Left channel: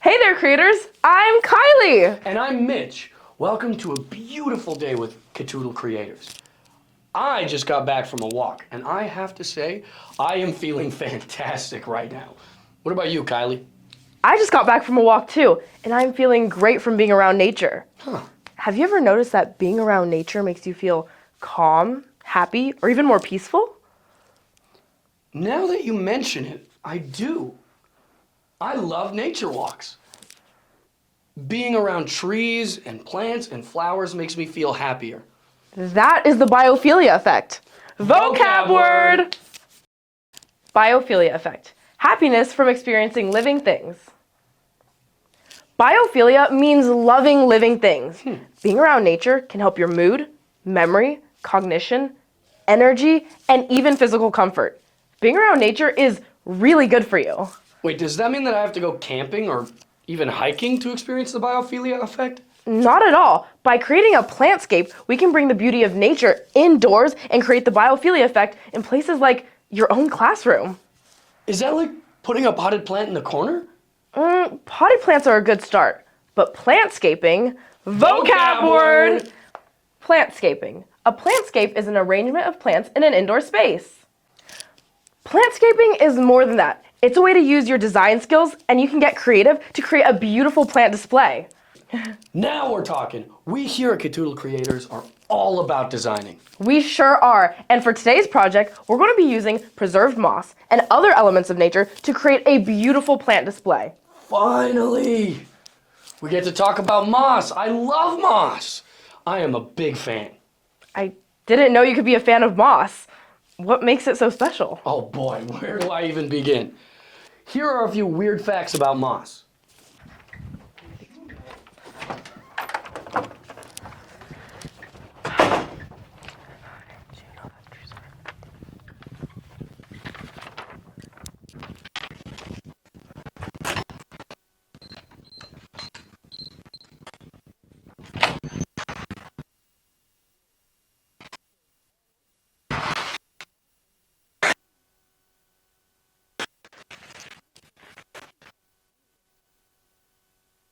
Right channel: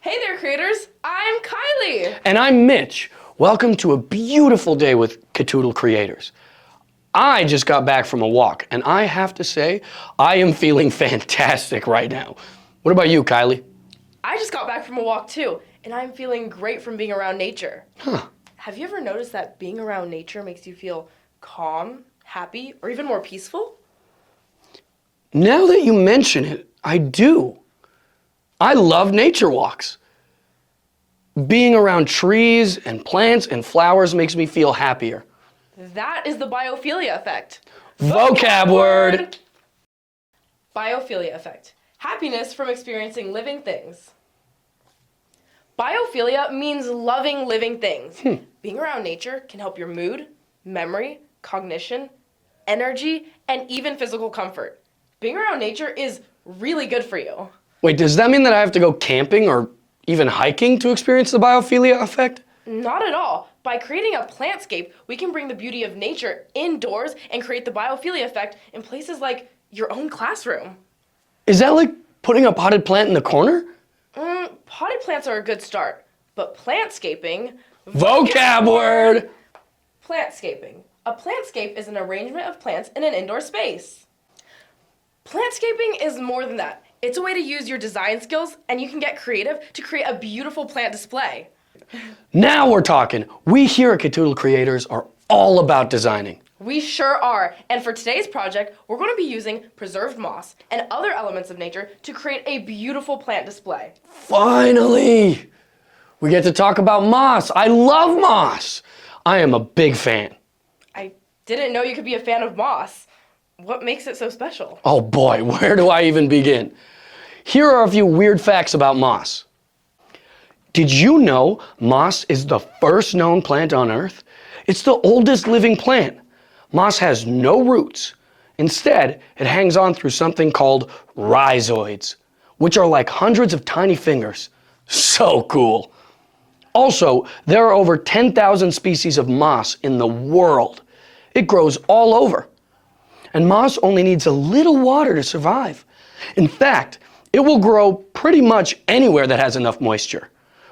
Hey there, creators! I'm Kylie! And I'm Mitch. Welcome to a beautiful day with Catoodle Creators. I just got back from a walk, and I have to say, I am feeling fantastic right now. What about you, Kylie? I just got back from a walk too, and I'm feeling great from being around nature. Have you ever noticed that being around nature makes you feel calm, happy, or even more peaceful? Now that you mention it, I do. I love nature walks. Being around trees and plants and flowers makes me feel happier. That is the biophilia effect. Vocab word! Biophilia effect. Happiness from experiencing living things. Biophilia means loving living things. Being around nature can help your mood, memory, cognition, energy, and even physical comfort. Being around nature is really good for you. Wait, does that mean that I have to go camping or even hiking to experience the biophilia effect? Not at all. By creating a plantscape, we can bring the beauty of nature indoors and create the biophilia effect in places like your own classroom. Is that like putting a potted plant in the corner? Potted plants are a good start, but plantscaping... Vocab word! Plantscaping. A plantscape is an arrangement of plants in an indoor space. Plantscaping is more than that. It's a way to use your design skills, and you can get creative to create a beautiful plant display. Now we're talking. We here at Catoodle Creators are all about designing. We sure are. And for today's project, we're going to be using preserved moss and other elements of nature to create a beautiful plant display. Finally! We get to talk about moss. I love moss. I am a big fan. I didn't know you could be a fan of moss. What makes it so special? Oh boy, where do I even begin? Here are a few weird facts about moss. Did you know moss is the first known plant on Earth? It's the oldest living plant. Moss has no roots. Instead, it hangs on through something called rhizoids, which are like hundreds of tiny fingers. So cool. Also, there are over 10,000 species of moss in the world. It grows all over. And moss only needs a little water to survive. In fact, it will grow pretty much anywhere that has enough moisture,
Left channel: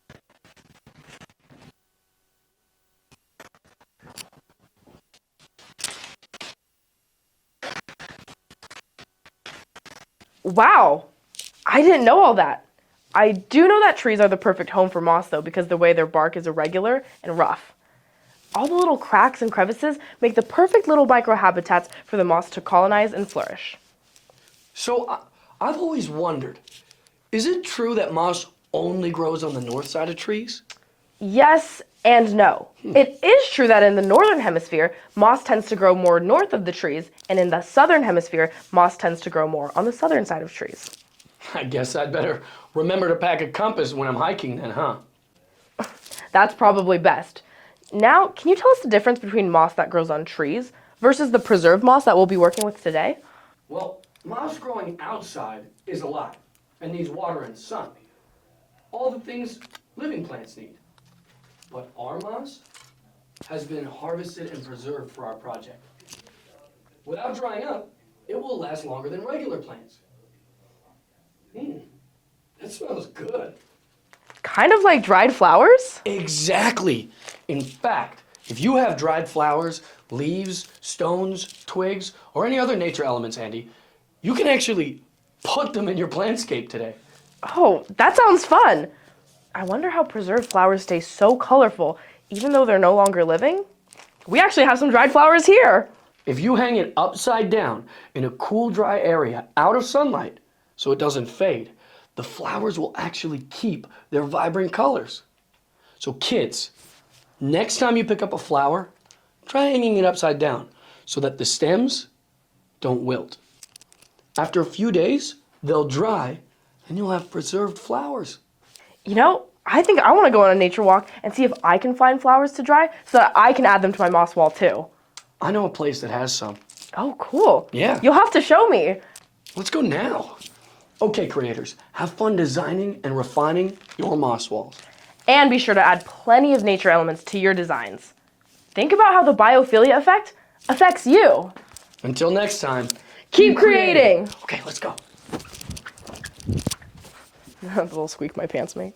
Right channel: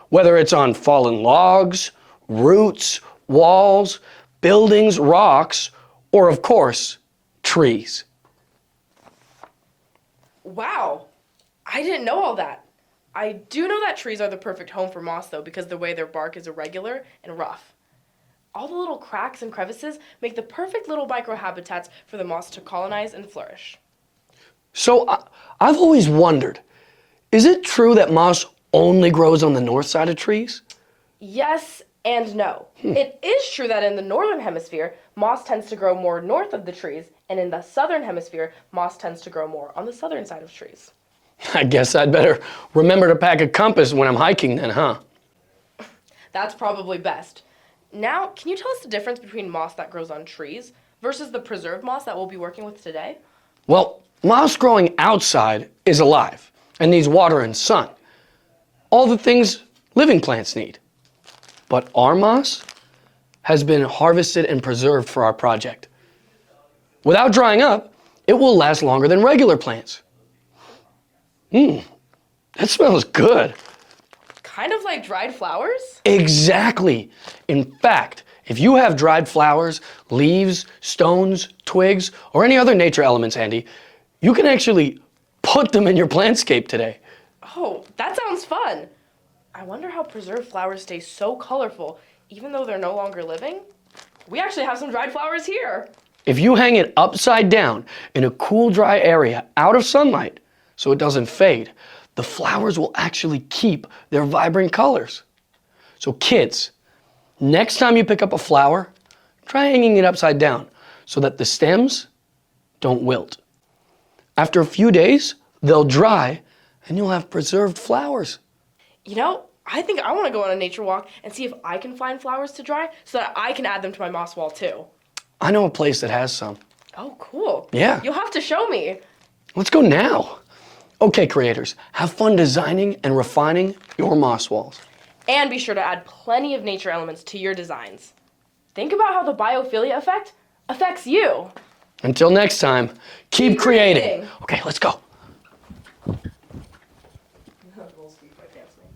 whether it's on fallen logs, roots, walls, buildings, rocks, or of course, trees. Wow, I didn't know all that. I do know that trees are the perfect home for moss though, because the way their bark is irregular and rough. All the little cracks and crevices make the perfect little microhabitats for the moss to colonize and flourish. So I've always wondered, is it true that moss only grows on the north side of trees? Yes and no. It is true that in the northern hemisphere, moss tends to grow more north of the trees, and in the southern hemisphere, moss tends to grow more on the southern side of trees. I guess I'd better remember to pack a compass when I'm hiking then, huh? That's probably best. Now, can you tell us the difference between moss that grows on trees versus the preserved moss that we'll be working with today? Well, moss growing outside is alive and needs water and sun. All the things living plants need. But our moss has been harvested and preserved for our project. Without drying up, it will last longer than regular plants. That smells good. Kind of like dried flowers? Exactly. In fact, if you have dried flowers, leaves, stones, twigs, or any other nature elements handy, you can actually put them in your plantscape today. Oh, that sounds fun. I wonder how preserved flowers stay so colorful even though they're no longer living. We actually have some dried flowers here. If you hang it upside down in a cool, dry area out of sunlight so it doesn't fade, the flowers will actually keep their vibrant colors. So kids, next time you pick up a flower, try hanging it upside down so that the stems don't wilt. After a few days, they'll dry and you'll have preserved flowers. You know, I think I want to go on a nature walk and see if I can find flowers to dry so that I can add them to my moss wall too. I know a place that has some. Oh, cool. Yeah. You'll have to show me. Let's go now. Okay, creators, have fun designing and refining your moss walls. And be sure to add plenty of nature elements to your designs. Think about how the biophilia effect affects you. Until next time, keep creating. Okay, let's go. The little squeak my pants make.